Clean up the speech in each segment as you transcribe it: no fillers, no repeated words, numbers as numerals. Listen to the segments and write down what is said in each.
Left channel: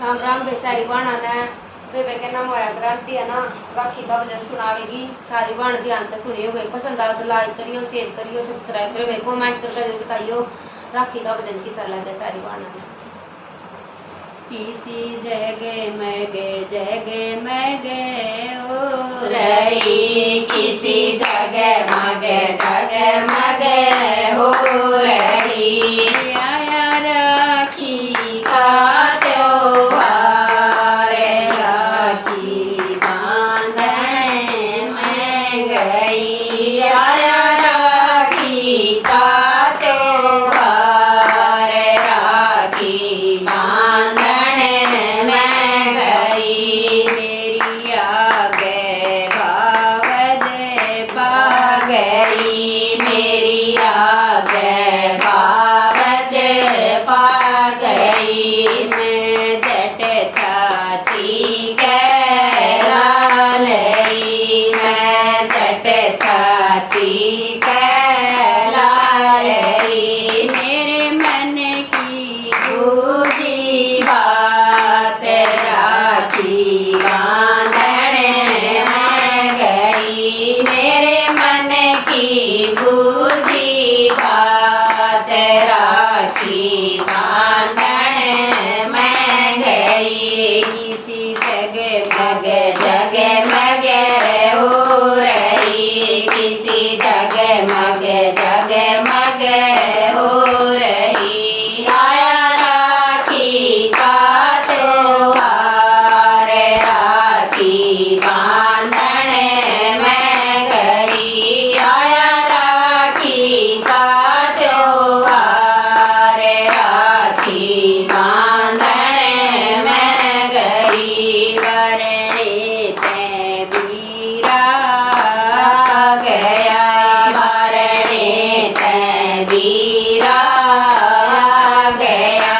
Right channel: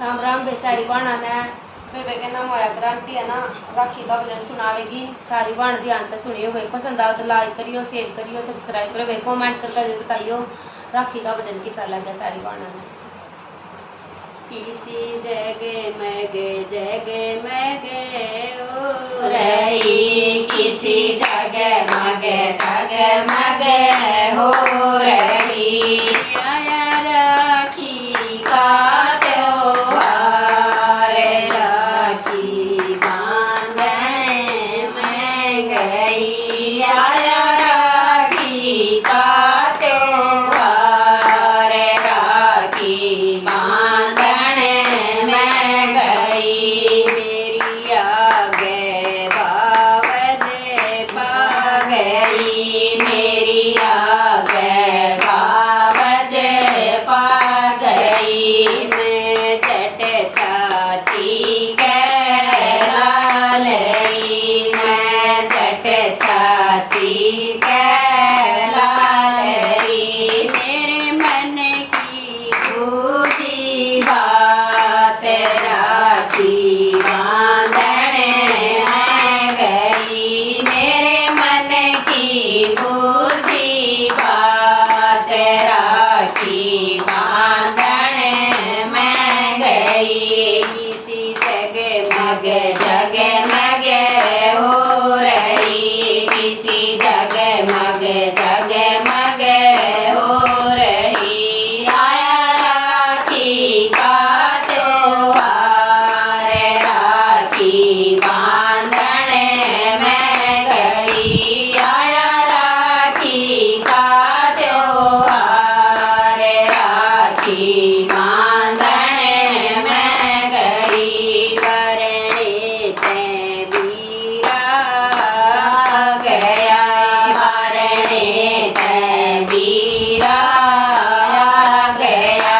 राम राम भाई। सारी बाणा ने बेबे के नाम होया गारंटी है ना, राखी का भजन सुनावेगी। सारी बाण ध्यान से सुनियो भाई। पसंद आए तो लाइक करियो, शेयर करियो, सब्सक्राइब करियो भाई। कमेंट करके जरूर बताइयो राखी का भजन कैसा लगे सारी बाणा ने। किसी जग मगे ओ रही, किसी जग मगे हो रही। आया राखी का त्योहार, राखी बांधने में गई। आया राखी का त्योहार, राखी बांधने में गई। मेरी आगे बावज पा गई, मेरी आगे बावज पा गई। मैं जट छाती कहला लई, मैं जट छाती कहला लई। मेरे मन की बूझी बात, राखी बांधने में गई। मेरे मन की बूझी बात, राखी बांधने में गई। किसी जगमग हो रही, किसी जगमग हो रही। आया राखी का त्योहार, राखी बांधने में गई। आया राखी का त्योहार, राखी बांधने में गई। वरणे ते वीरा गया, वरणे ते वीरा गया।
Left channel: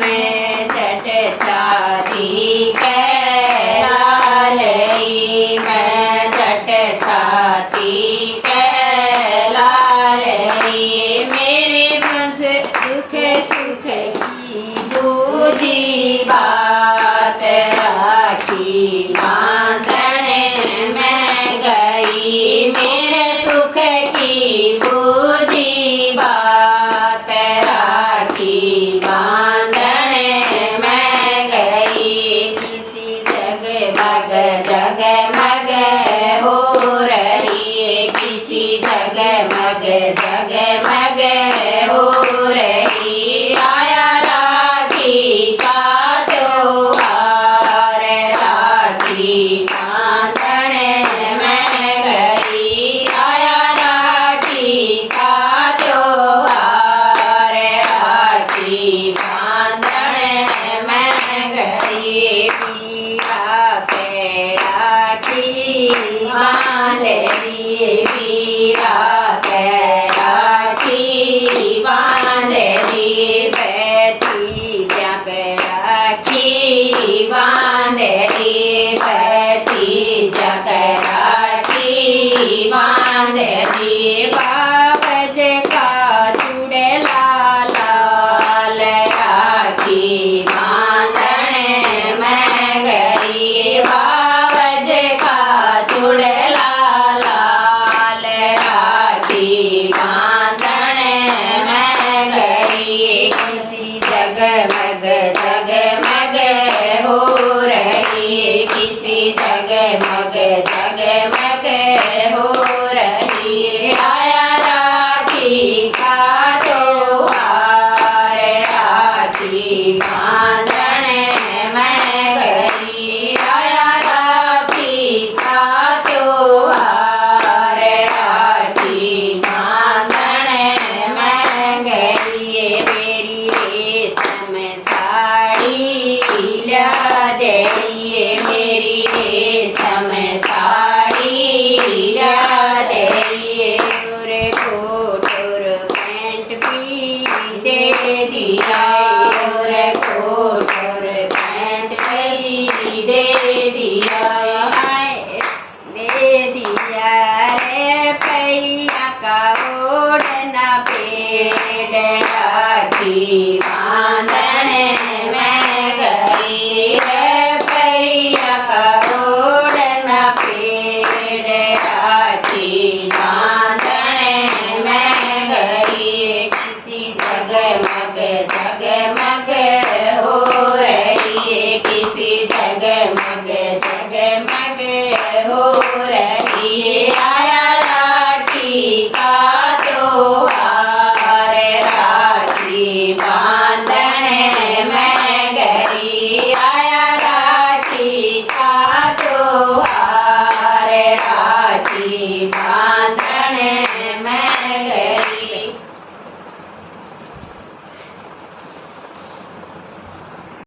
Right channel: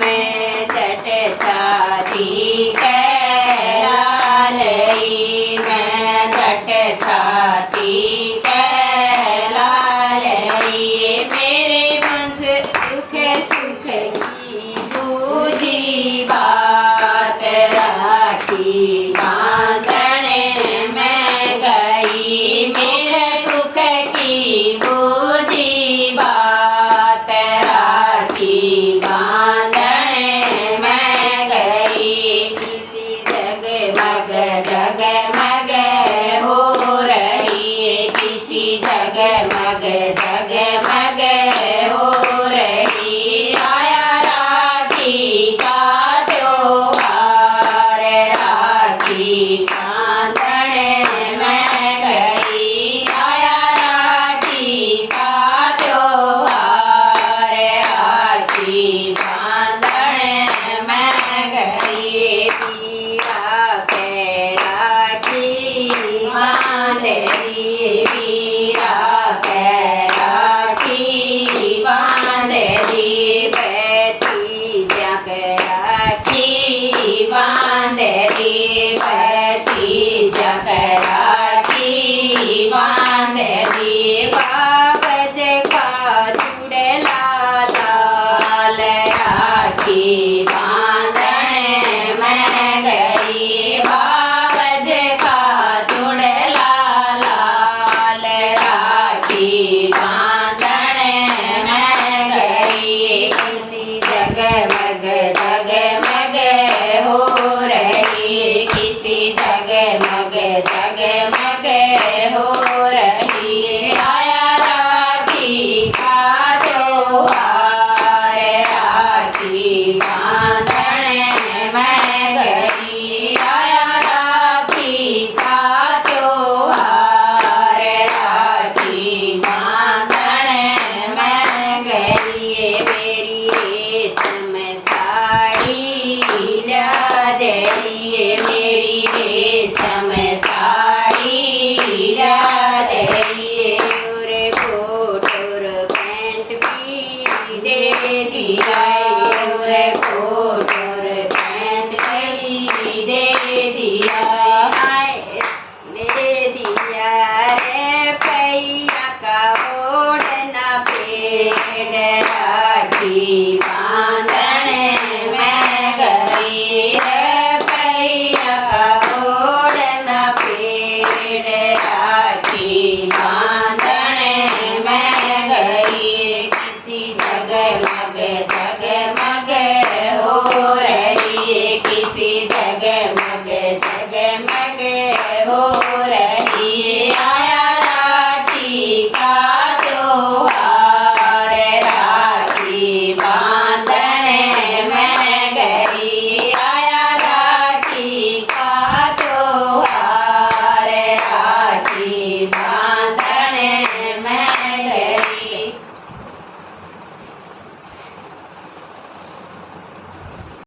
मैं जट छाती कहला लई, मैं जट छाती कहला लई। मेरे मुख सुख की बूझी बात, राखी बांधने में गई। मेरे सुख की बूझी बात, राखी बांधने में गई। किसी जगमग हो रही, किसी जगमग हो रही। आया राखी का त्योहार, राखी बांधने में गई। आया राखी का त्योहार, राखी बांधने में गई। पीरा के राखी बांध ली, पीरा के राखी बांध ली। बैठी जग राखी बांध ली, बैठी जग राखी बांध ली। बाबज का चुड़ला लाल, राखी बांधने में गई। बाबज का चुड़ला लाल, राखी बांधने में गई। किसी जगमग हो रही, किसी जगमग हो रही। आया राखी का त्योहार, राखी बांधने में गई। आया राखी का त्योहार, राखी बांधने में गई। मेरी रेशम साड़ी ला दे, मेरी रेशम साड़ी ला दे। और कोट और पैंट भी दे दिया, और कोट और पैंट भी दे दिया। दे दिया रे पैया का ओढ़ना पेड़, राखी